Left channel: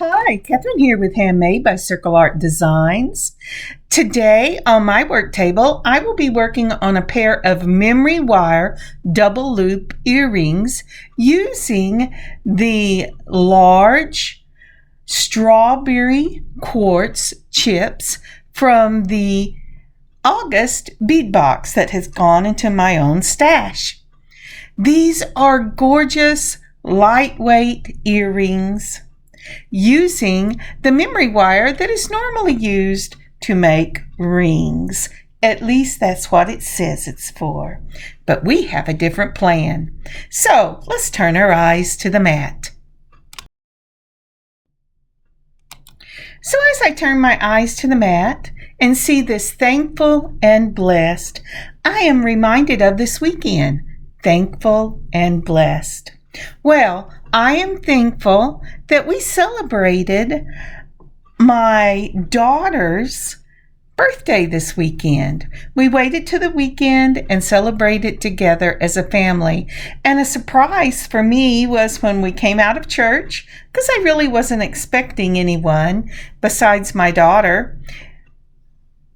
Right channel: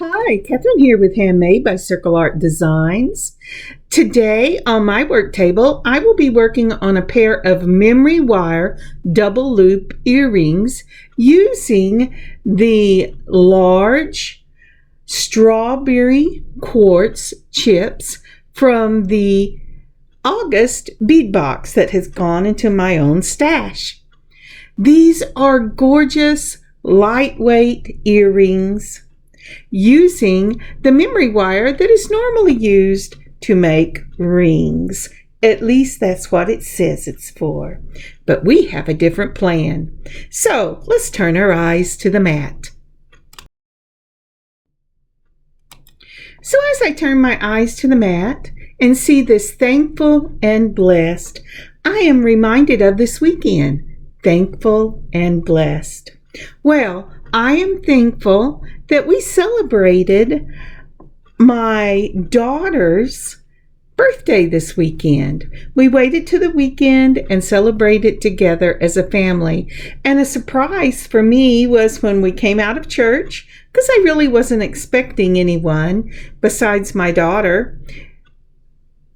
Hi, Kathryn here with Handmade by Circle Art Designs. Today on my work table, I will be working on a pair of memory wire double loop earrings using the large Strawberry Quartz chips from the August Bead Box that has gone into my own stash. These are gorgeous, lightweight earrings using the memory wire that is normally used to make rings. At least that's what it says it's for. But we have a different plan. So let's turn our eyes to the mat. So as I turn my eyes to the mat and see this thankful and blessed, I am reminded of this weekend. Thankful and blessed. Well, I am thankful that we celebrated my daughter's birthday this weekend. We waited to the weekend and celebrated together as a family. And a surprise for me was when we came out of church, because I really wasn't expecting anyone besides my daughter.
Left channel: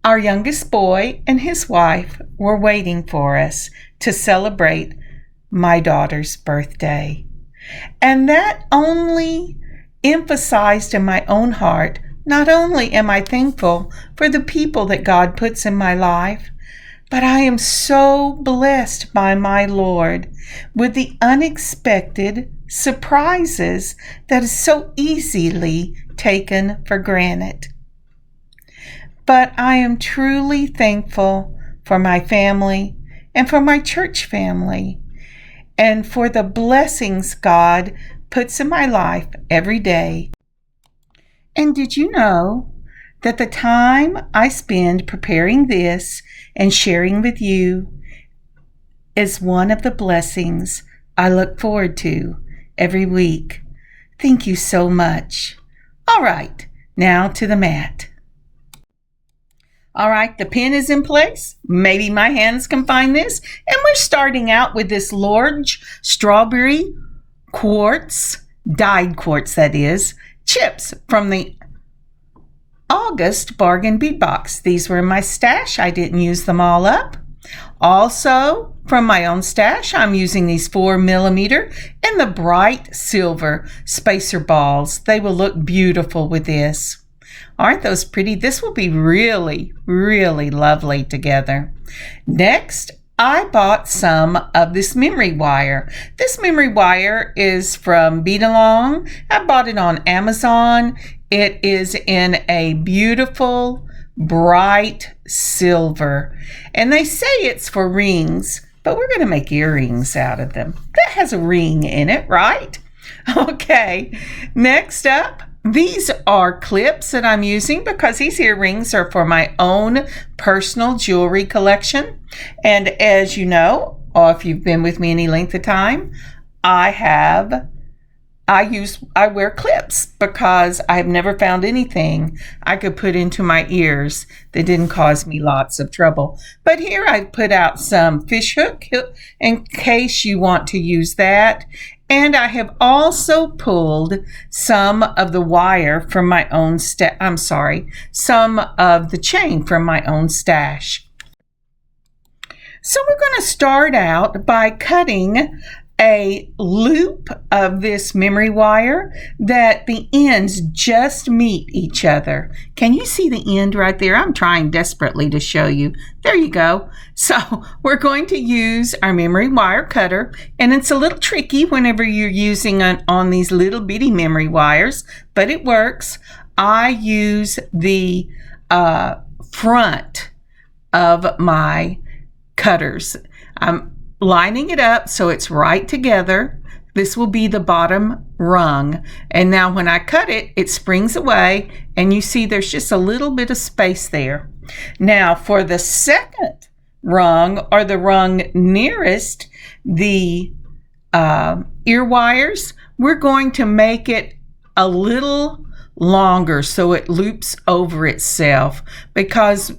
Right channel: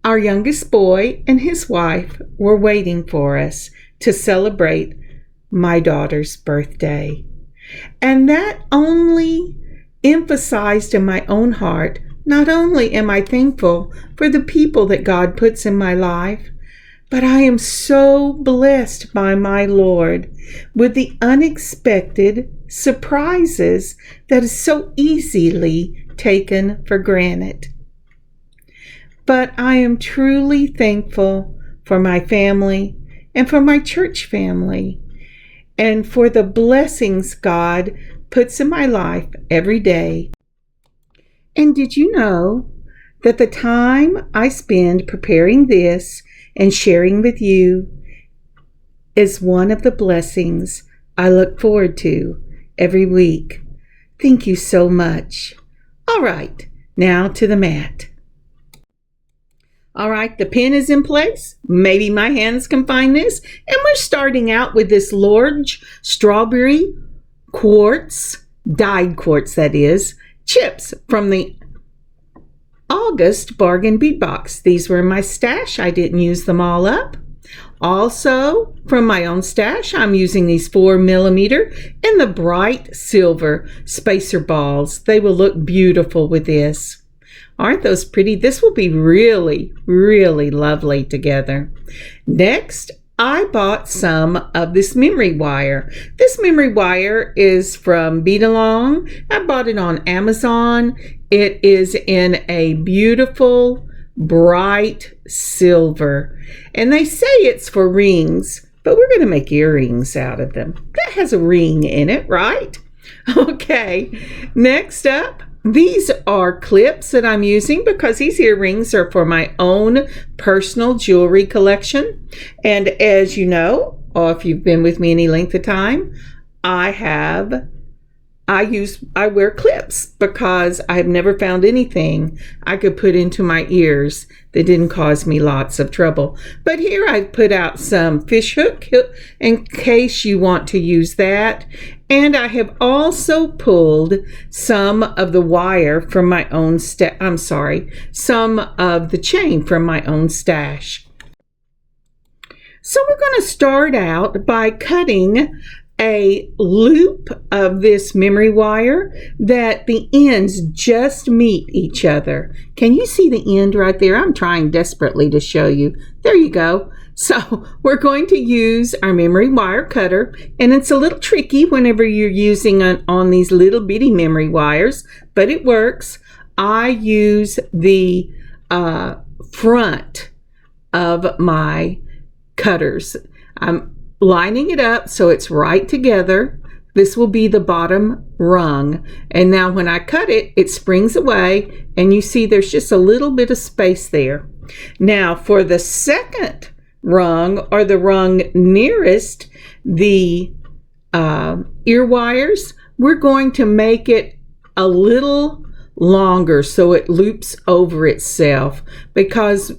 Our youngest boy and his wife were waiting for us to celebrate my daughter's birthday. And that only emphasized in my own heart, not only am I thankful for the people that God puts in my life, but I am so blessed by my Lord with the unexpected surprises that is so easily taken for granted. But I am truly thankful for my family and for my church family, and for the blessings God puts in my life every day. And did you know that the time I spend preparing this and sharing with you is one of the blessings I look forward to every week? Thank you so much. All right, now to the mat. All right, the pen is in place. Maybe my hands can find this. And we're starting out with this large Strawberry Quartz, dyed quartz that is, chips from the August Bargain Bead Box. These were in my stash. I didn't use them all up. Also, from my own stash, I'm using these 4mm and the bright silver spacer balls. They will look beautiful with this. Aren't those pretty? This will be really, really lovely together. Next, I bought some of this memory wire. This memory wire is from Bead Along. I bought it on Amazon. It is in a beautiful, bright silver. And they say it's for rings, but we're going to make earrings out of them. That has a ring in it, right? Okay, next up. These are clips that I'm using because these earrings are for my own personal jewelry collection. And as you know, or if you've been with me any length of time, I wear clips because I've never found anything I could put into my ears that didn't cause me lots of trouble. But here I've put out some fish hook in case you want to use that. And I have also pulled some of the wire from my own some of the chain from my own stash. So we're going to start out by cutting a loop of this memory wire that the ends just meet each other. Can you see the end right there? I'm trying desperately to show you. There you go. So we're going to use our memory wire cutter, and it's a little tricky whenever you're using on these little bitty memory wires, but it works. I use the front of my cutters. I'm lining it up so it's right together. This will be the bottom rung. And now when I cut it, it springs away, and you see there's just a little bit of space there. Now for the second rung, or the rung nearest the ear wires, we're going to make it a little longer so it loops over itself, because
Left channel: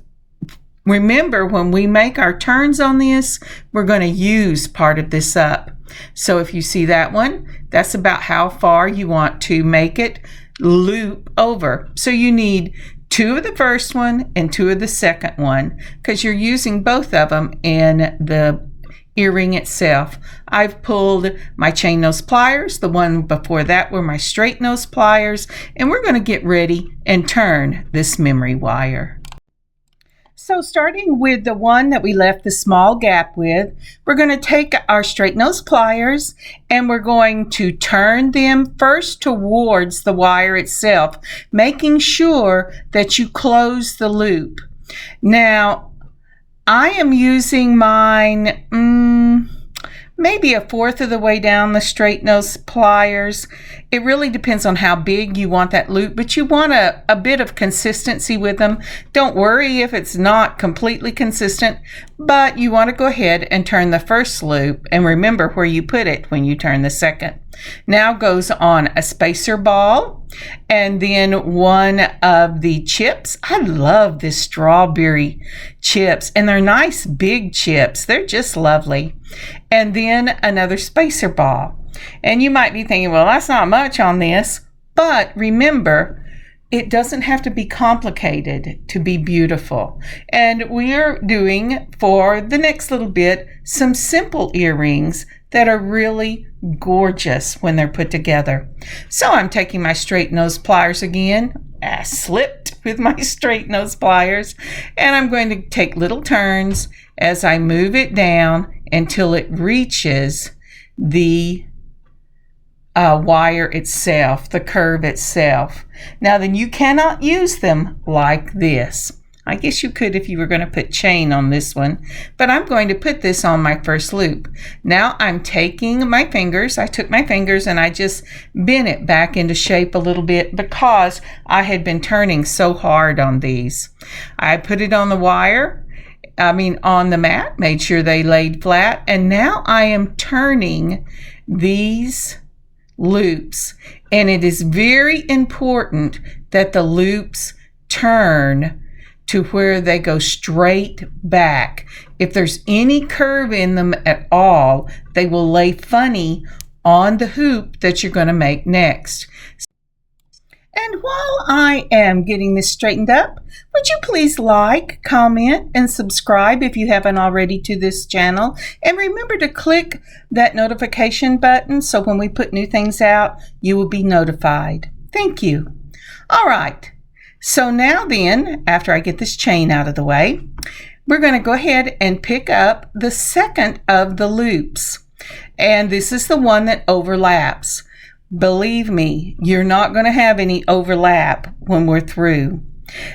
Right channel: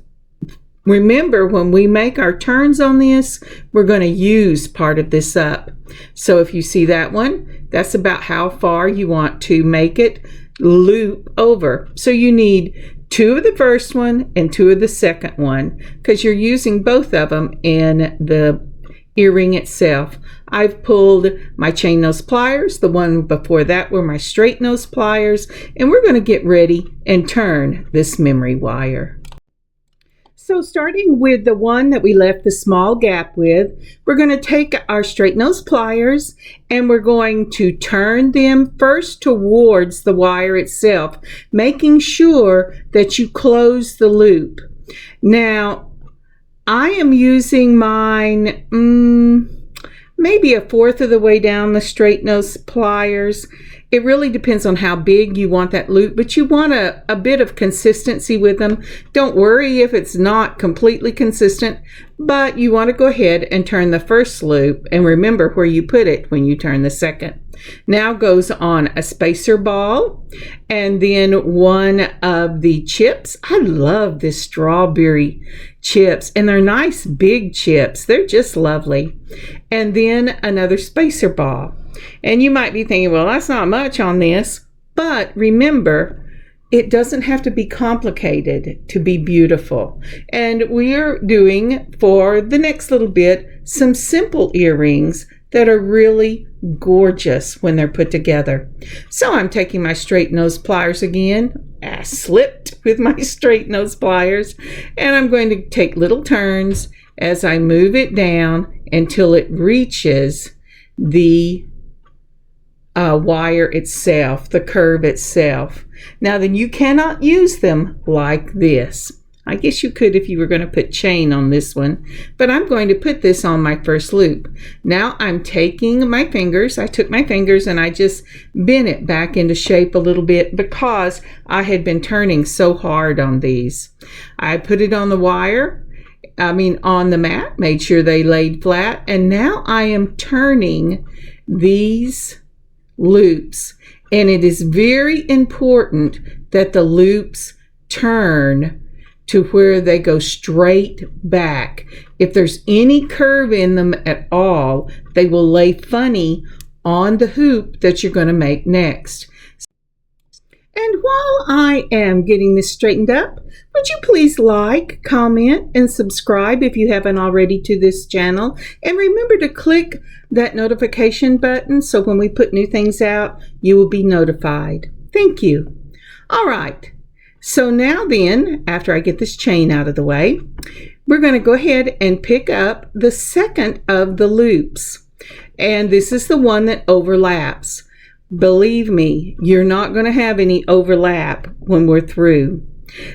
remember, when we make our turns on this, we're going to use part of this up. So if you see that one, that's about how far you want to make it loop over. So you need 2 of the first one and 2 of the second one, because you're using both of them in the earring itself. I've pulled my chain nose pliers. The one before that were my straight nose pliers, and we're going to get ready and turn this memory wire. So starting with the one that we left the small gap with, we're going to take our straight nose pliers and we're going to turn them first towards the wire itself, making sure that you close the loop. Now, I am using mine maybe a fourth of the way down the straight nose pliers. It really depends on how big you want that loop, but you want a bit of consistency with them. Don't worry if it's not completely consistent, but you want to go ahead and turn the first loop and remember where you put it when you turn the second. Now goes on a spacer ball and then one of the chips. I love this strawberry chips, and they're nice big chips. They're just lovely. And then another spacer ball. And you might be thinking, well, that's not much on this, but remember, it doesn't have to be complicated to be beautiful. And we're doing, for the next little bit, some simple earrings that are really gorgeous when they're put together. So I'm taking my straight nose pliers again. I slipped with my straight nose pliers, and I'm going to take little turns as I move it down until it reaches the wire itself, the curve itself. Now then, you cannot use them like this. I guess you could if you were going to put chain on this one, but I'm going to put this on my first loop. Now I'm taking my fingers, I took my fingers and I just bent it back into shape a little bit because I had been turning so hard on these. I put it on the wire, on the mat, made sure they laid flat, and now I am turning these loops, and it is very important that the loops turn to where they go straight back. If there's any curve in them at all, they will lay funny on the hoop that you're going to make next. And while I am getting this straightened up, would you please like, comment, and subscribe if you haven't already to this channel? And remember to click that notification button so when we put new things out, you will be notified. Thank you. All right. So now then, after I get this chain out of the way, we're going to go ahead and pick up the second of the loops. And this is the one that overlaps. Believe me, you're not going to have any overlap when we're through.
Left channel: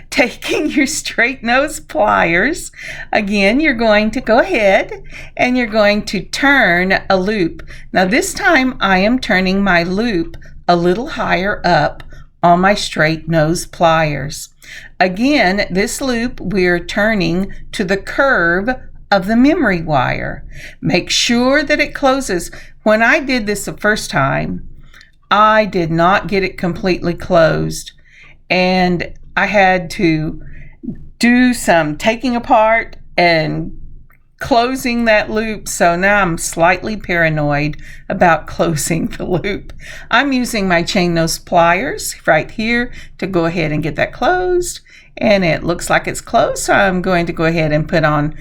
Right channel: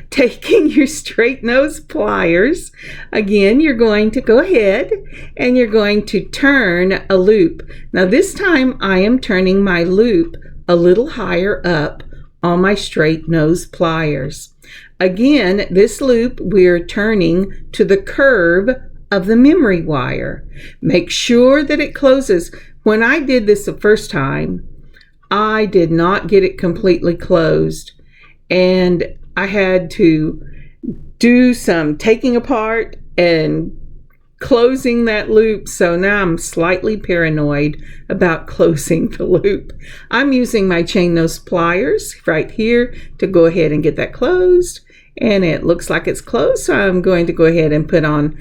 Taking your straight nose pliers, again, you're going to go ahead and you're going to turn a loop. Now this time I am turning my loop a little higher up on my straight nose pliers. Again, this loop we're turning to the curve of the memory wire. Make sure that it closes. When I did this the first time, I did not get it completely closed, and I had to do some taking apart and closing that loop. So now I'm slightly paranoid about closing the loop. I'm using my chain nose pliers right here to go ahead and get that closed, and it looks like it's closed. So I'm going to go ahead and put on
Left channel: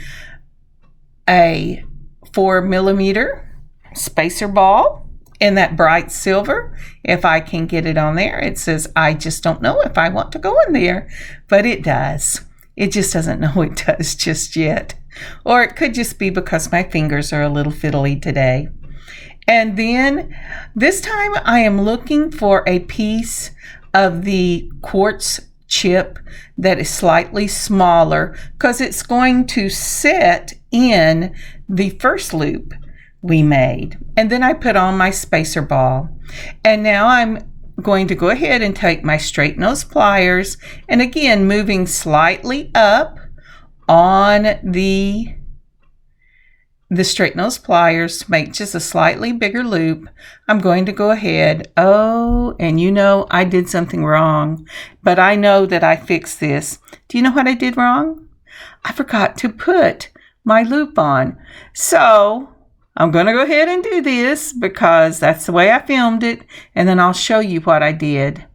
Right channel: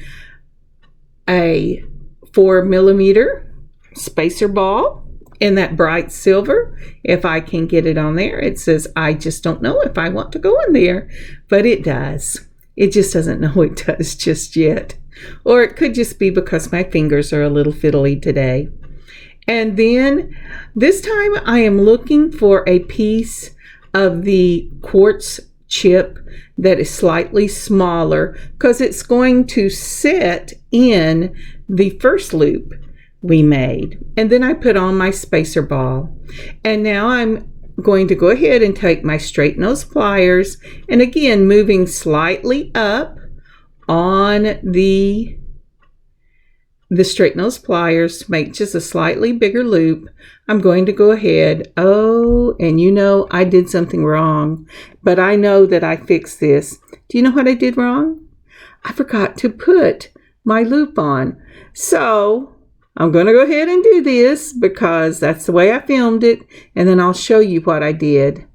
a 4mm spacer ball in that bright silver. If I can get it on there, it says, I just don't know if I want to go in there, but it does. It just doesn't know it does just yet. Or it could just be because my fingers are a little fiddly today. And then this time I am looking for a piece of the quartz chip that is slightly smaller because it's going to sit in the first loop we made. And then I put on my spacer ball. And now I'm going to go ahead and take my straight nose pliers, and again moving slightly up on the straight nose pliers to make just a slightly bigger loop. I'm going to go ahead. Oh, and you know I did something wrong, but I know that I fixed this. Do you know what I did wrong? I forgot to put my loop on. So I'm going to go ahead and do this because that's the way I filmed it, and then I'll show you what I did.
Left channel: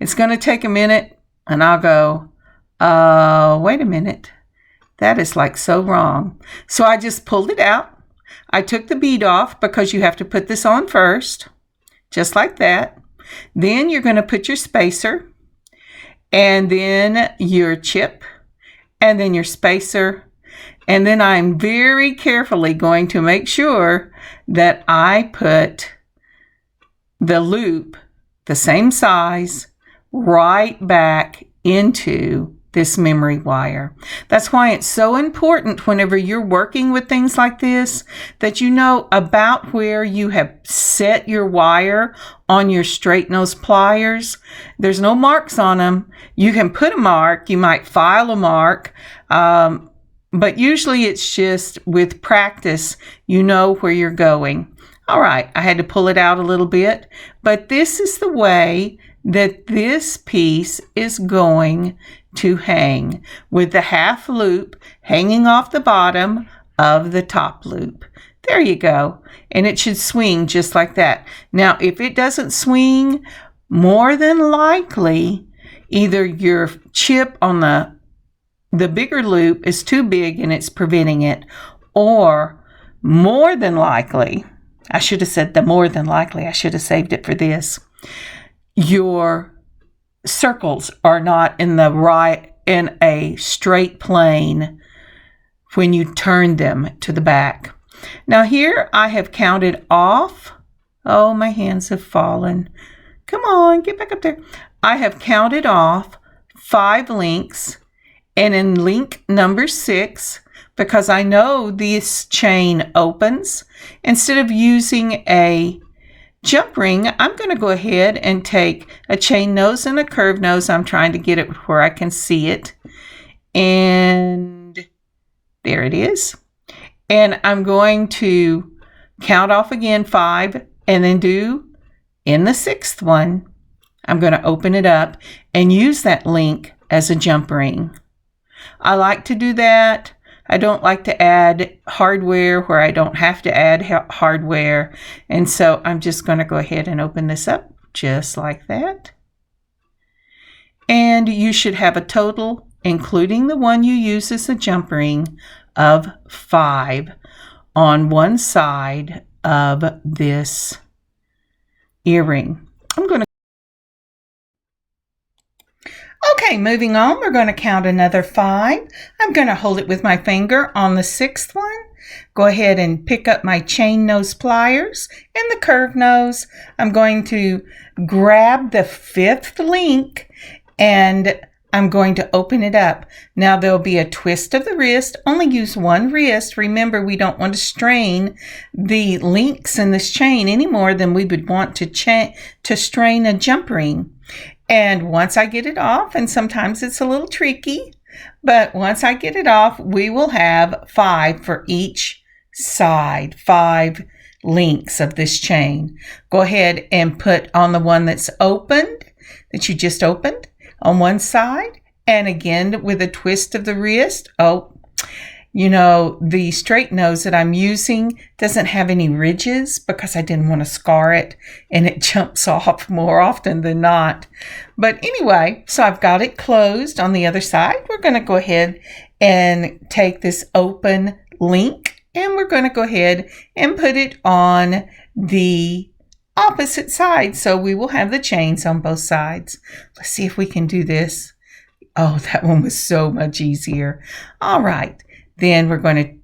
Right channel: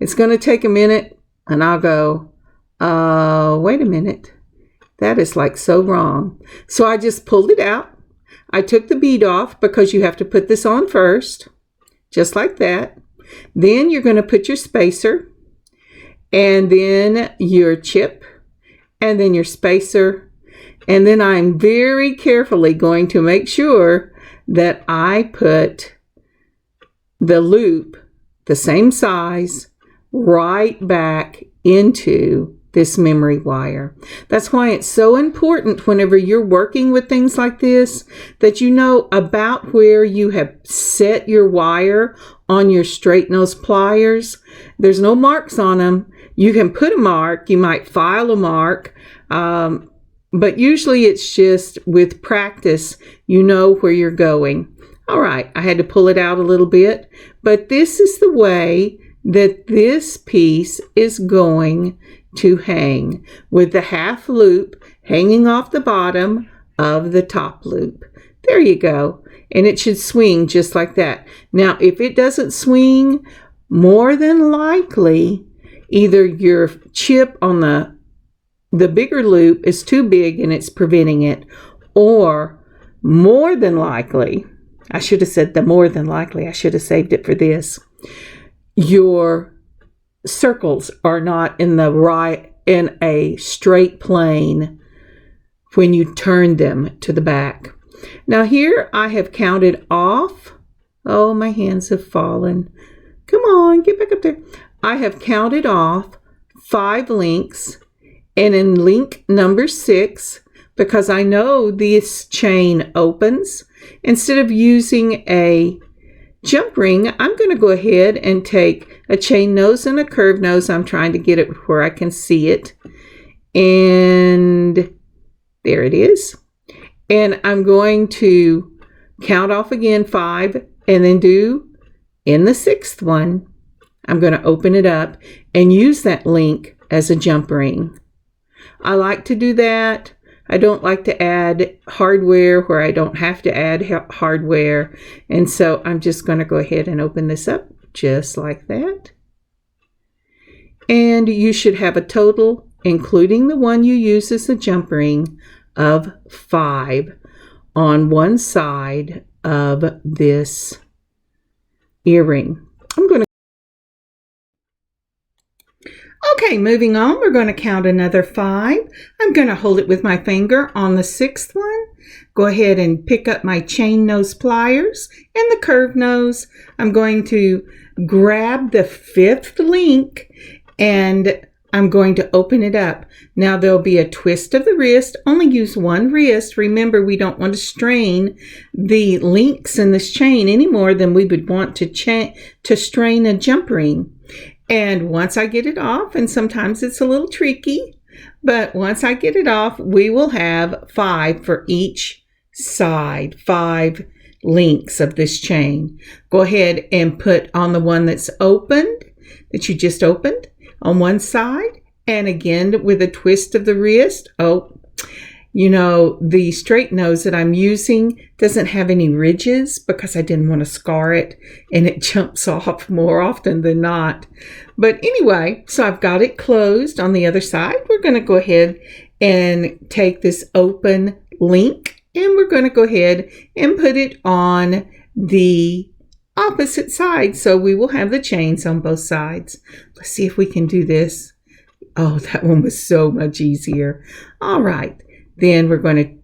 It's going to take a minute, and I'll go, wait a minute. That is like so wrong. So I just pulled it out. I took the bead off because you have to put this on first, just like that. Then you're going to put your spacer, and then your chip, and then your spacer. And then I'm very carefully going to make sure that I put the loop, the same size, right back into this memory wire. That's why it's so important whenever you're working with things like this that you know about where you have set your wire on your straight nose pliers. There's no marks on them. You can put a mark. You might file a mark. But usually it's just with practice, you know where you're going. All right, I had to pull it out a little bit, but this is the way that this piece is going to hang, with the half loop hanging off the bottom of the top loop. There you go. And it should swing just like that. Now, if it doesn't swing, more than likely, either your chip on the bigger loop is too big and it's preventing it, or more than likely, I should have said the more than likely, I should have saved it for this, your circles are not in a straight plane when you turn them to the back. Now here I have counted off. Oh, my hands have fallen. Come on, get back up there. I have counted off 5 links, and in link number 6, because I know this chain opens, instead of using a jump ring, I'm going to go ahead and take a chain nose and a curved nose. I'm trying to get it where I can see it. And there it is. And I'm going to count off again 5, and then do in the 6th one, I'm going to open it up and use that link as a jump ring. I like to do that. I don't like to add hardware where I don't have to add hardware. And so I'm just going to go ahead and open this up just like that. And you should have a total, including the one you use as a jump ring, of 5 on one side of this earring. Okay, moving on, we're going to count another 5. I'm going to hold it with my finger on the 6th one. Go ahead and pick up my chain nose pliers and the curved nose. I'm going to grab the 5th link and I'm going to open it up. Now there'll be a twist of the wrist. Only use one wrist. Remember, we don't want to strain the links in this chain any more than we would want to strain a jump ring. And once I get it off, and sometimes it's a little tricky, but once I get it off, we will have 5 for each side, 5 links of this chain. Go ahead and put on the one that's opened, that you just opened, on one side, and again with a twist of the wrist. Oh, you know, the straight nose that I'm using doesn't have any ridges because I didn't want to scar it, and it jumps off more often than not. But anyway, so I've got it closed on the other side. We're going to go ahead and take this open link, and we're going to go ahead and put it on the opposite side. So we will have the chains on both sides. Let's see if we can do this. Oh, that one was so much easier. All right. Then we're going to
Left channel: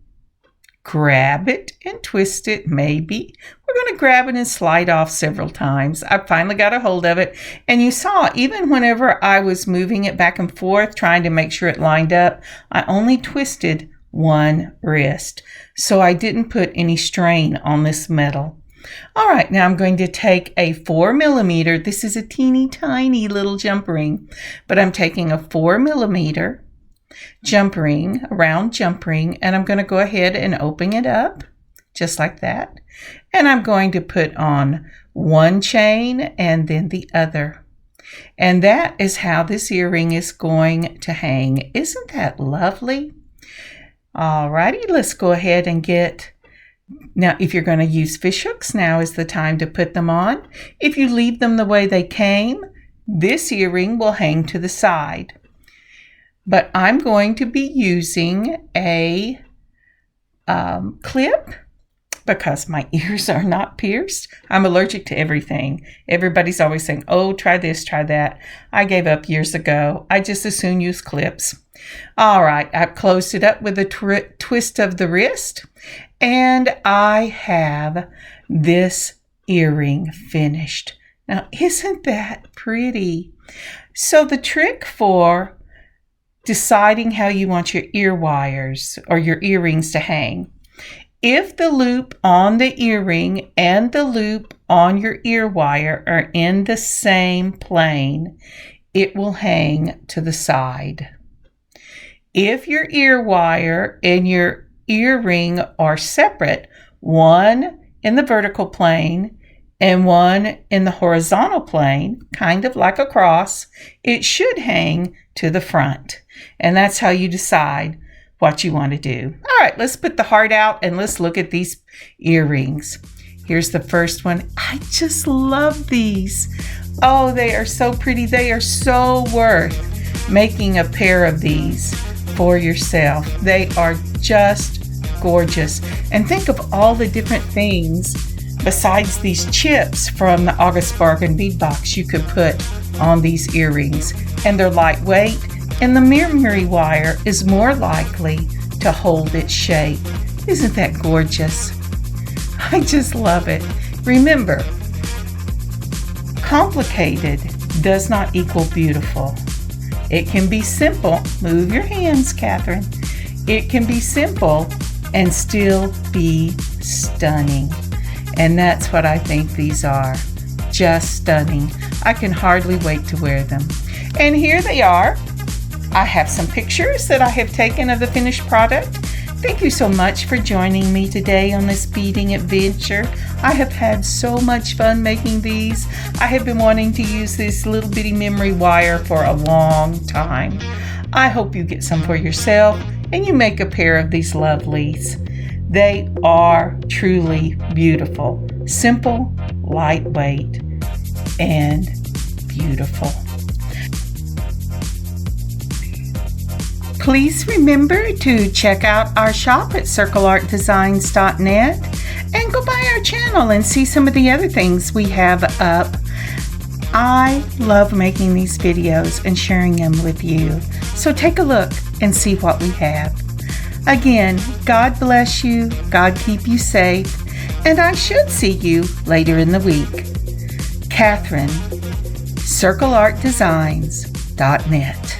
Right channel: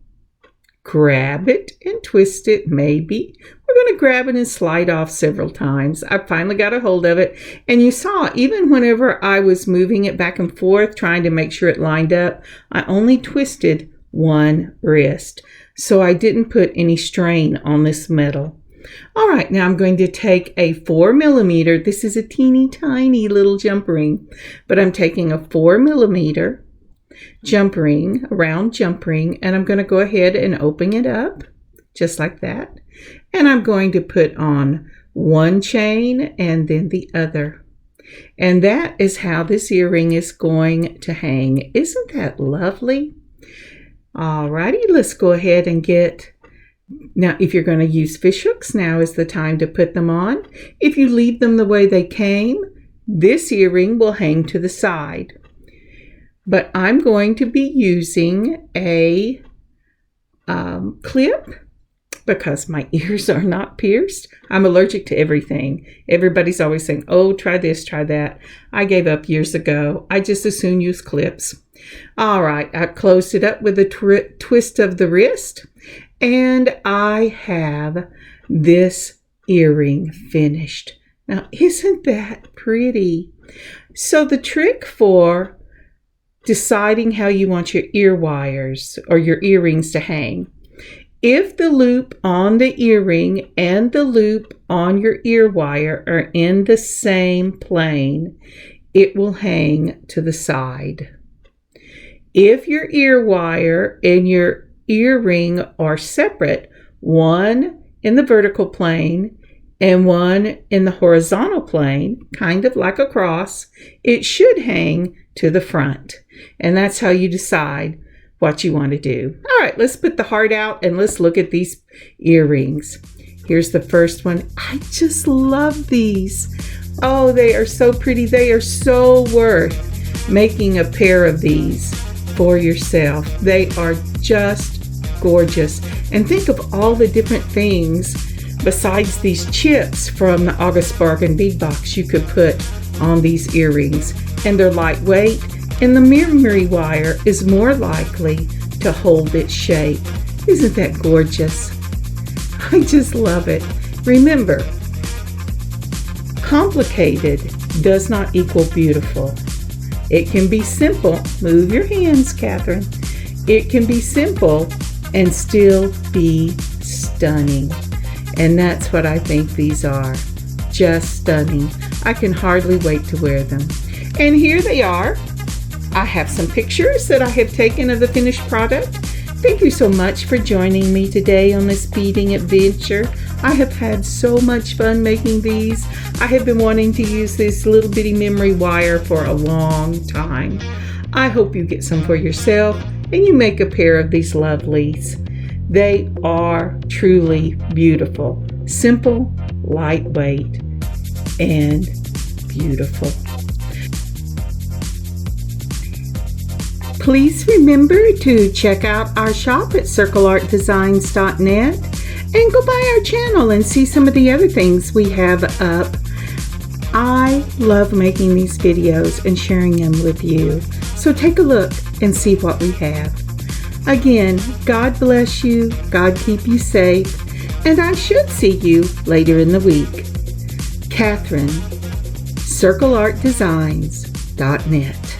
grab it and twist it, maybe. We're going to grab it and slide off several times. I finally got a hold of it. And you saw, even whenever I was moving it back and forth, trying to make sure it lined up, I only twisted one wrist. So I didn't put any strain on this metal. All right, now I'm going to take a 4mm. This is a teeny tiny little jump ring, but I'm taking a 4mm jump ring, a round jump ring, and I'm going to go ahead and open it up just like that. And I'm going to put on one chain and then the other. And that is how this earring is going to hang. Isn't that lovely? All righty, let's go ahead and get... Now, if you're going to use fish hooks, now is the time to put them on. If you leave them the way they came, this earring will hang to the side. But I'm going to be using a clip because my ears are not pierced. I'm allergic to everything. Everybody's always saying, oh, try this, try that. I gave up years ago. I just as soon use clips. All right, I've closed it up with a twist of the wrist, and I have this earring finished. Now, isn't that pretty? So the trick for deciding how you want your ear wires or your earrings to hang, if the loop on the earring and the loop on your ear wire are in the same plane, it will hang to the side. If your ear wire and your earring are separate, one in the vertical plane and one in the horizontal plane, kind of like a cross, it should hang to the front. And that's how you decide what you want to do. All right, let's put the heart out and let's look at these earrings. Here's the first one. I just love these. Oh, they are so pretty. They are so worth making a pair of these for yourself. They are just gorgeous. And think of all the different things besides these chips from the August Bargain Bead Box you could put on these earrings. And they're lightweight, and the memory wire is more likely to hold its shape. Isn't that gorgeous? I just love it. Remember, complicated does not equal beautiful. It can be simple. Move your hands, Kathryn. It can be simple and still be stunning. And that's what I think these are. Just stunning. I can hardly wait to wear them. And here they are. I have some pictures that I have taken of the finished product. Thank you so much for joining me today on this beading adventure. I have had so much fun making these. I have been wanting to use this little bitty memory wire for a long time. I hope you get some for yourself and you make a pair of these lovelies. They are truly beautiful, simple, lightweight, and beautiful. Please remember to check out our shop at circleartdesigns.net and go by our channel and see some of the other things we have up. I love making these videos and sharing them with you. So take a look and see what we have. Again, God bless you, God keep you safe, and I should see you later in the week. Kathryn, circleartdesigns.net.